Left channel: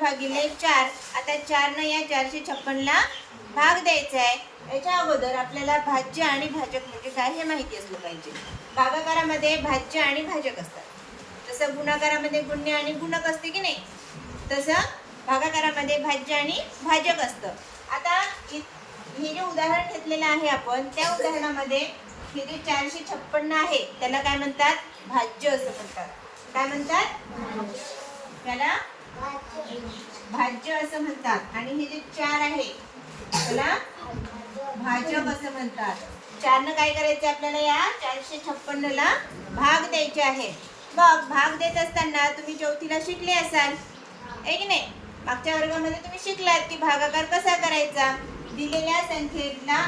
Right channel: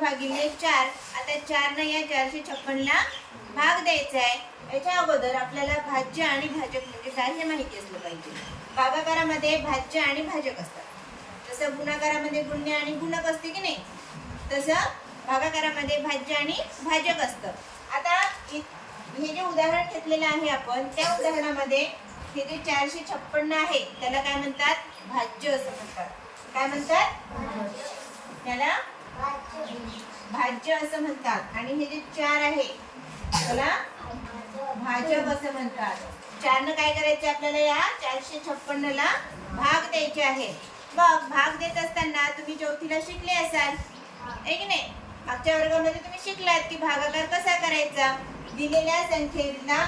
भागिले चार. आता चारनं या चारशे छप्पनला भाग द्यायचा आहे. याच्या अगोदर आपल्याला भाज्य आणि भाजक म्हणजे काय हे माहिती असलं पाहिजे. भागाकारामध्ये भाज्य आणि भाजक असतात. तसं गुणाकारामध्ये गुण्य आणि गुणक असते की नाही? तसं भागाकारामध्ये भाज्य आणि भाजक असतं. आता हे जे उदाहरण घेतलेलं आहे आपण त्या उदाहरणामध्ये हे जे चारशे छप्पन्न आहे त्याला काय म्हणतात? भाज्य असं म्हणतात. काय म्हणतात? त्याला भाज्य असं म्हणतात. आणि हे जे चार आहे त्याला भाजक असं म्हणतात. चारनं काय करायचं आपल्याला या? चारशे छप्पन्नला भाग द्यायचे आहे. मग भाग देत असताना तुम्ही चौथीला शिकले असाल. आहे की नाही? मागच्या वर्गामध्ये तुम्ही शिकलात की भागाकार कसा करायचा? दिलेल्या संख्येला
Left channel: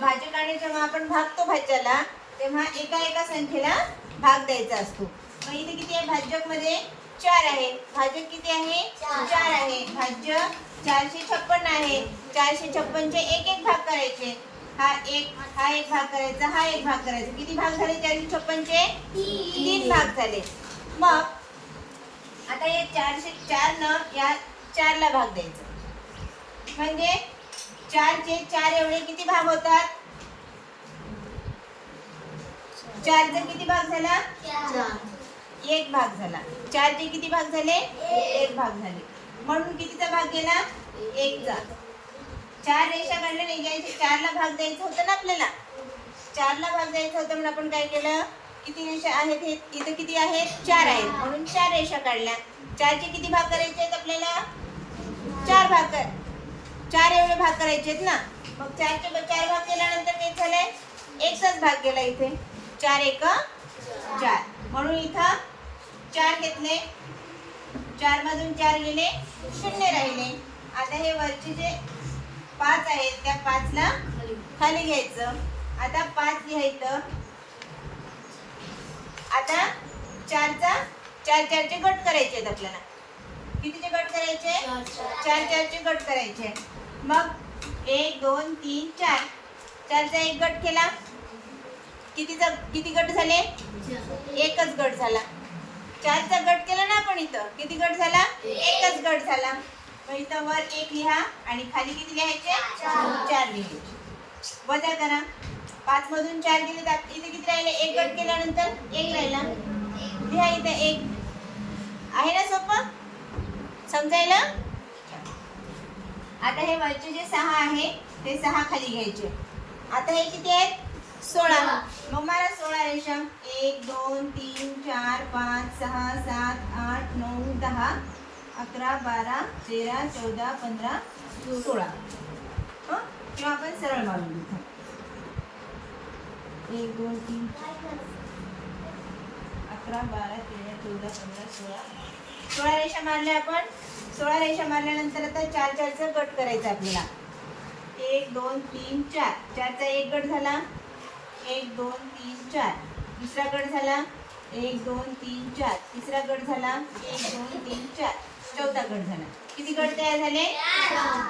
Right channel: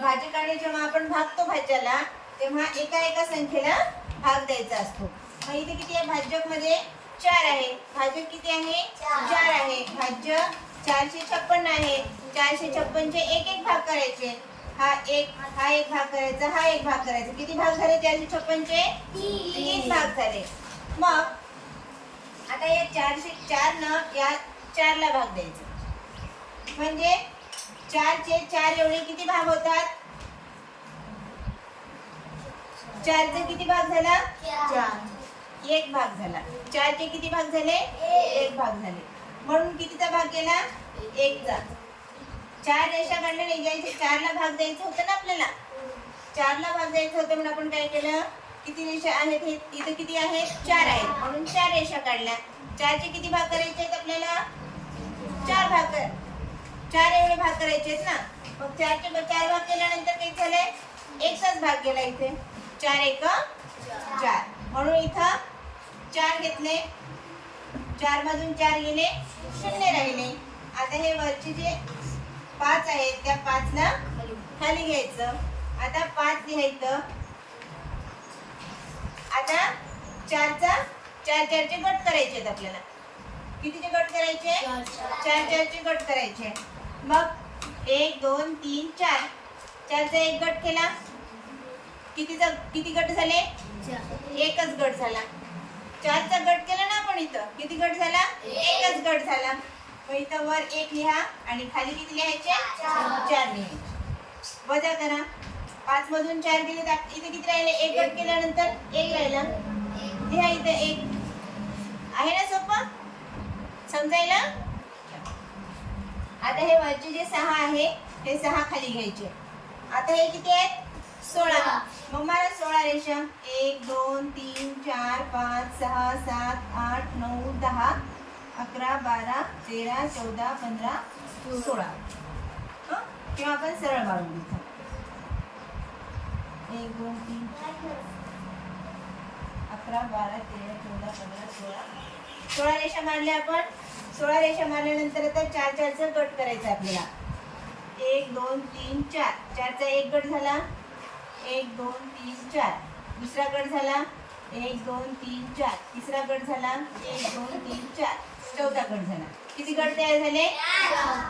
भाजकाने जेव्हा आपण भागतो भाज्याला तेव्हा एका एका संख्येला भाग द्यायचा असतो. मग इथे किती आहे? भाजपमध्ये चार आहे. भाजक किती आहे? चार. आहे. भाज्य चारशे छप्पन आहे. चारशे छप्पनचे एक एक भाग करायचे. हा एक हा एक भाग करायचा हा एक भाग करायचा. किती भाग झाले चारशे छप्पनचे? तीन. भाग झाले. मग आता या चारशे चार न या चारला भाग द्यायचा. म्हणजे चारचे चार एवढे किती भाग होतात? चारचा किती भाग झाला? एक भाग झाला. चारचे किती भाग झाले? एक भाग झाले. म्हणून कितीचा भाग गेला? एकचा. चार रेषा काढल्या नाही जायचे चारला भाग द्यायचं होतं ना आपल्याला. चारला भाग द्यायचं होतं म्हणून आपण काय केलं? किती रेषा आहेत हे? इथे किती आहेत? चार आहेत. म्हणून चार रेषा काढल्या. चारचे किती भाग करायचे आहेत आपल्याला? चार भाग कर. चार एवढे भाग करायचे आहेत ना. मग चारचे चार भाग केल्यानंतर काय झालंय? एकचाच भाग गेला इथे. चार एक चार. म्हणून इथं चार घेतले. चार मधून चार गेले शून्य राहिले. आता हे वरचे जे पाच आहेत त्या पाचला खाली घ्यायचं. आता पाच लिहायचं. आता चारचा चार चारचे गट करायचे आहेत आपल्याला. कितीचे गट करायचे? चार चारचे गट करायचे. मग एक दोन तीन चार. चारचा एक गट केला. कितीचा किती गट झाले? एकच गट झाला. चारचा गट केला ना आपण इथं? किती गट झाला? एकच गट झाला. मग इथं वर एक लिहा आणि खाली किती लिहायचे? चार लिहायचे. वजा करा. पाच मधून चार गेले तर इथे किती राहिले? एक गट केल्यानंतर एक राहिला. लिहा इथं एक. आहे ना सोपं? समजायला? आता हे वरचे जे सहा आहे ते सहा खाली घ्यायचे. आता हे किती आहेत? सोळा. मग मला सोळा रेषा. एक दोन तीन चार पाच सहा सात आठ नऊ दहा अकरा बारा तेरा चौदा पंधरा सोळा. हां? किंवा आपण सरळ मारून घेऊ एक दोन तीन अकरा बारा तेरा चौदा पंधरा सोळा. सोळा रेषा मारल्या आपण. सोळा रेषा मारल्यानंतर आता चार चारचा गट करायचा आपल्याला. एक दोन तीन चार. चारचा एक गट झाला. एक दोन तीन चार. दुसरा गट झाला एक दोन तीन चार. तिसरा गट झाला एक दोन तीन चार. चौथा गट झाला. किती गट तयार झाले?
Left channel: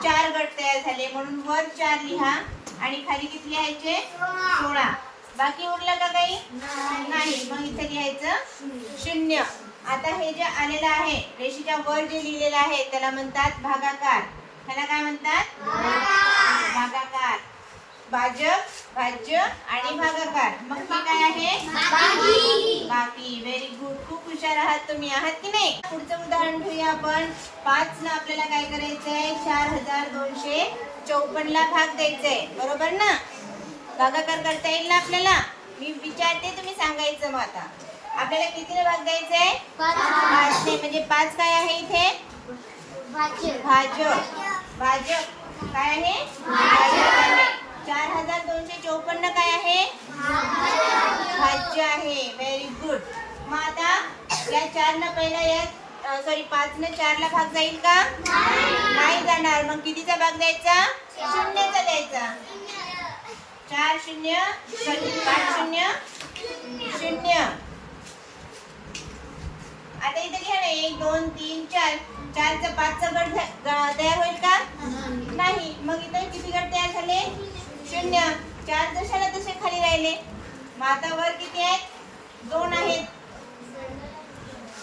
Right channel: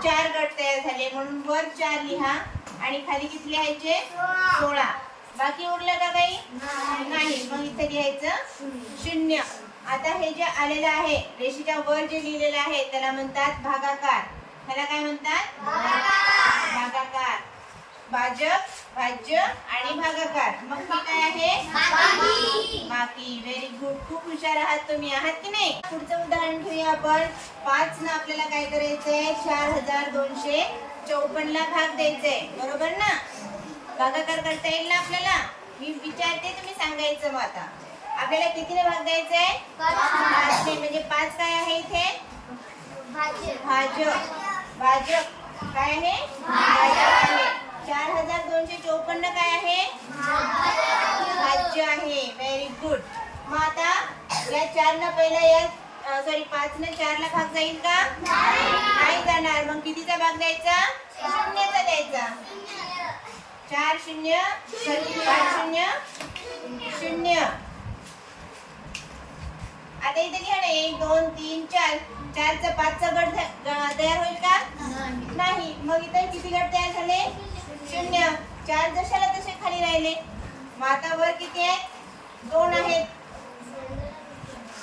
चार गट तयार झाले. म्हणून वर चार लिहा आणि खाली किती लिहायचे? सोळा. बाकी उरलं का काही? नाही. मग इथे लिहायचं शून्य. आता हे जे आलेलं आहे रेषेच्या वर जे लिहिलेलं आहे त्याला म्हणतात भागाकार. त्याला काय म्हणतात? भागाकार. भाजक भाज्य आणि भागाकार. मग हे काय आहे? बाकी व्हेरी गुड खूप हुशार आहात तुम्ही. आहात की नाही? पुढचं उदाहरण घेऊया आपण. पाच ना आपल्याला काय करायचंय? चार हजार दोनशे चौपन्न ला भाग द्यायचंय. बरोबर ना? भागाकार करता येईल ना आपल्याला? मी विचारते तुम्ही सांगायचं मग आता. आपल्याला कितीला भाग द्यायचंय? पाचने म्हणजे पाच काय आहे इथे? भाजक भाजक काय आहे भाजक आहे चार हजार दोनशे चौपन्न काय आहे भाज्य आहे. व्हेरी गुड मग आता या चार न पहिला या सॉरी पाच न चार ला भाग जाईल का? नाही जाणार. मग कितीचा भाग द्यायचा? शून्यचा द्यायचा. चार शून्य सॉरी पाच शून्य शून्य. आता इथे घ्या एक दोन तीन चार. चारचा पाचचा गट झा- तयार होईल का? नाही. मग इथे किती गट तयार झाले? शून्य. चार जशाला तसे खाली राहिले. मग आता वर किती आहेत? दोन आहेत.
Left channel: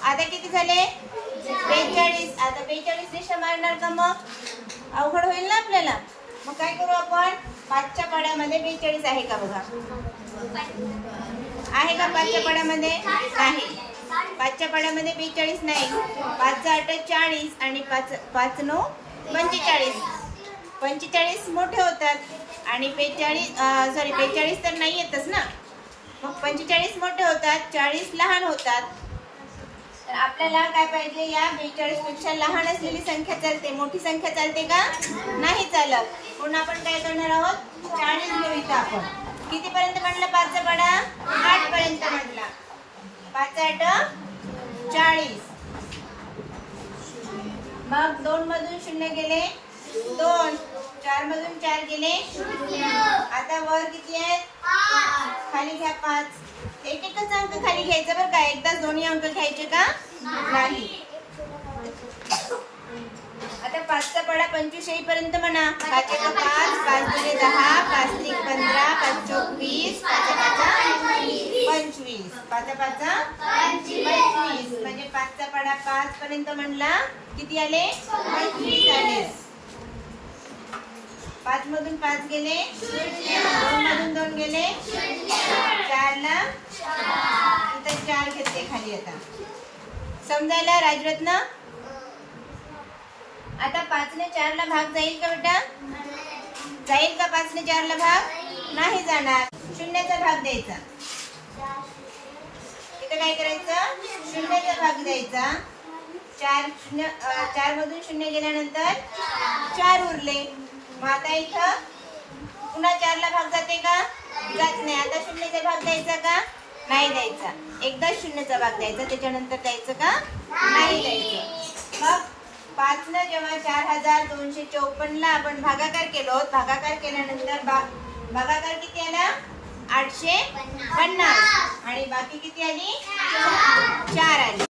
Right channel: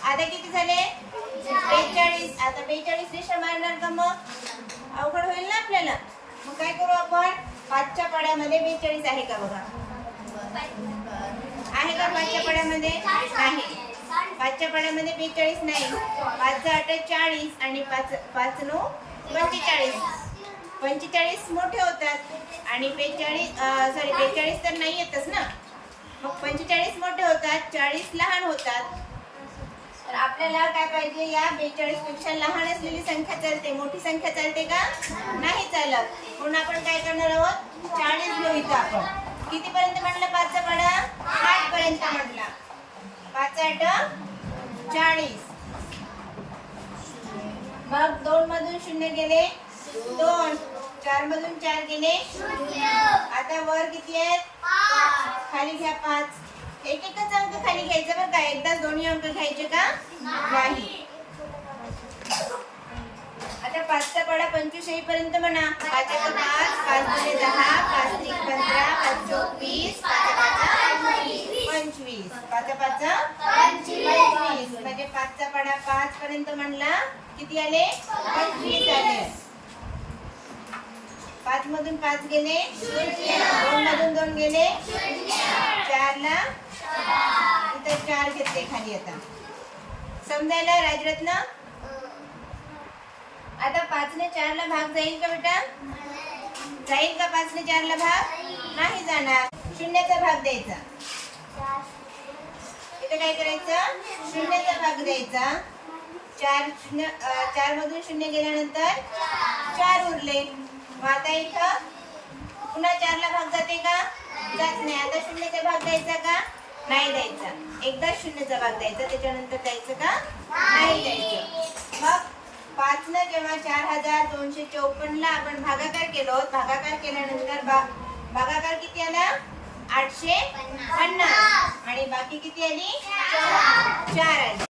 आता किती झाले? बेचाळीस. आता बेचाळीस रेषा मारणार का मग? अवघड होईल ना आपल्याला. मग काय करू आपण? पाचच्या पाड्यामध्ये बेचाळीस आहे का बघा? आहे का पाचच्या पाड्यामध्ये? नाही. पाचच्या पाड्यामध्ये बेचाळीस नाही. पाच आठ चाळीस आणि पाच पाच नऊ पंचेचाळीस. पंचेचाळीस मोठे होतात. आणि बेचाळीस सॉरी बेचाळीस तर नाही येतच ना. मग पंचेचाळीस मोठे होतात चाळीस लहान होतात. तर आपल्याला काय पाहिजे या बेचाळीसपेक्षा लहान असलेली संख्या चालते. मोठी संख्या चालते का? नाही चालत. म्हणून आपण काय करणार आहोत? चाळीस घेऊ आपण किती पर्यंत म्हणलं पाचचा पाडा आठ पर्यंत म्हणला पाच आठ. चाळीस. मग दोन मधून शून्य गेले. दोन. चार मधून चार गेले. आता वर किती आहेत? खाली घ्या पाच. एक एकच अंक खाली घ्यायचा बरं का? एकदाच दोन्ही अंक घ्यायचे का? नाही. आता पाचचा पाडा पंचवीस येईपर्यंत म्हणा. पाच एक पाच पाच दोन दहा पाच तीन पंधरा पाच चौक वीस पाच पंचवीस. पाच पाच पंचवीस. म्हणजे पाचचा पाडा पाच पर्यंत म्हणला किती आले? पंचवीस आले. पाच मधून पाच गेले. दोन मधून दोन गेले. चारला. इथं चार घेतले खाली आता. समजायला राजरत्न? आता पाचने चारला भाग जाईल का बेटा? जाईल का पाचने चारला भाग? नाही जाणार. शून्याचा भाग द्यायचा. इथं काय करायचं? शून्याचा भाग द्यायचा. चार शून्य चार मधून शून्य गेल्यानंतर चार उरले. मग आता इथं पुन्हा चारला भाग जाते का? जात नाही. आता शून्यचा भाग द्यायचा का? नाही द्यायचा. एकदा शून्यचा भाग द्यायचा. त्याच्यानंतर द्यायचं का? नाही द्यायचं. मग पाच न जेव्हा चार हजार दोनशे चौपन्नला आपण भागाकार केलो भागाकार केल्यानंतर भाग भागाकार किती आला? आठशे पन्नास. आणि बाकी किती आली? चार आली.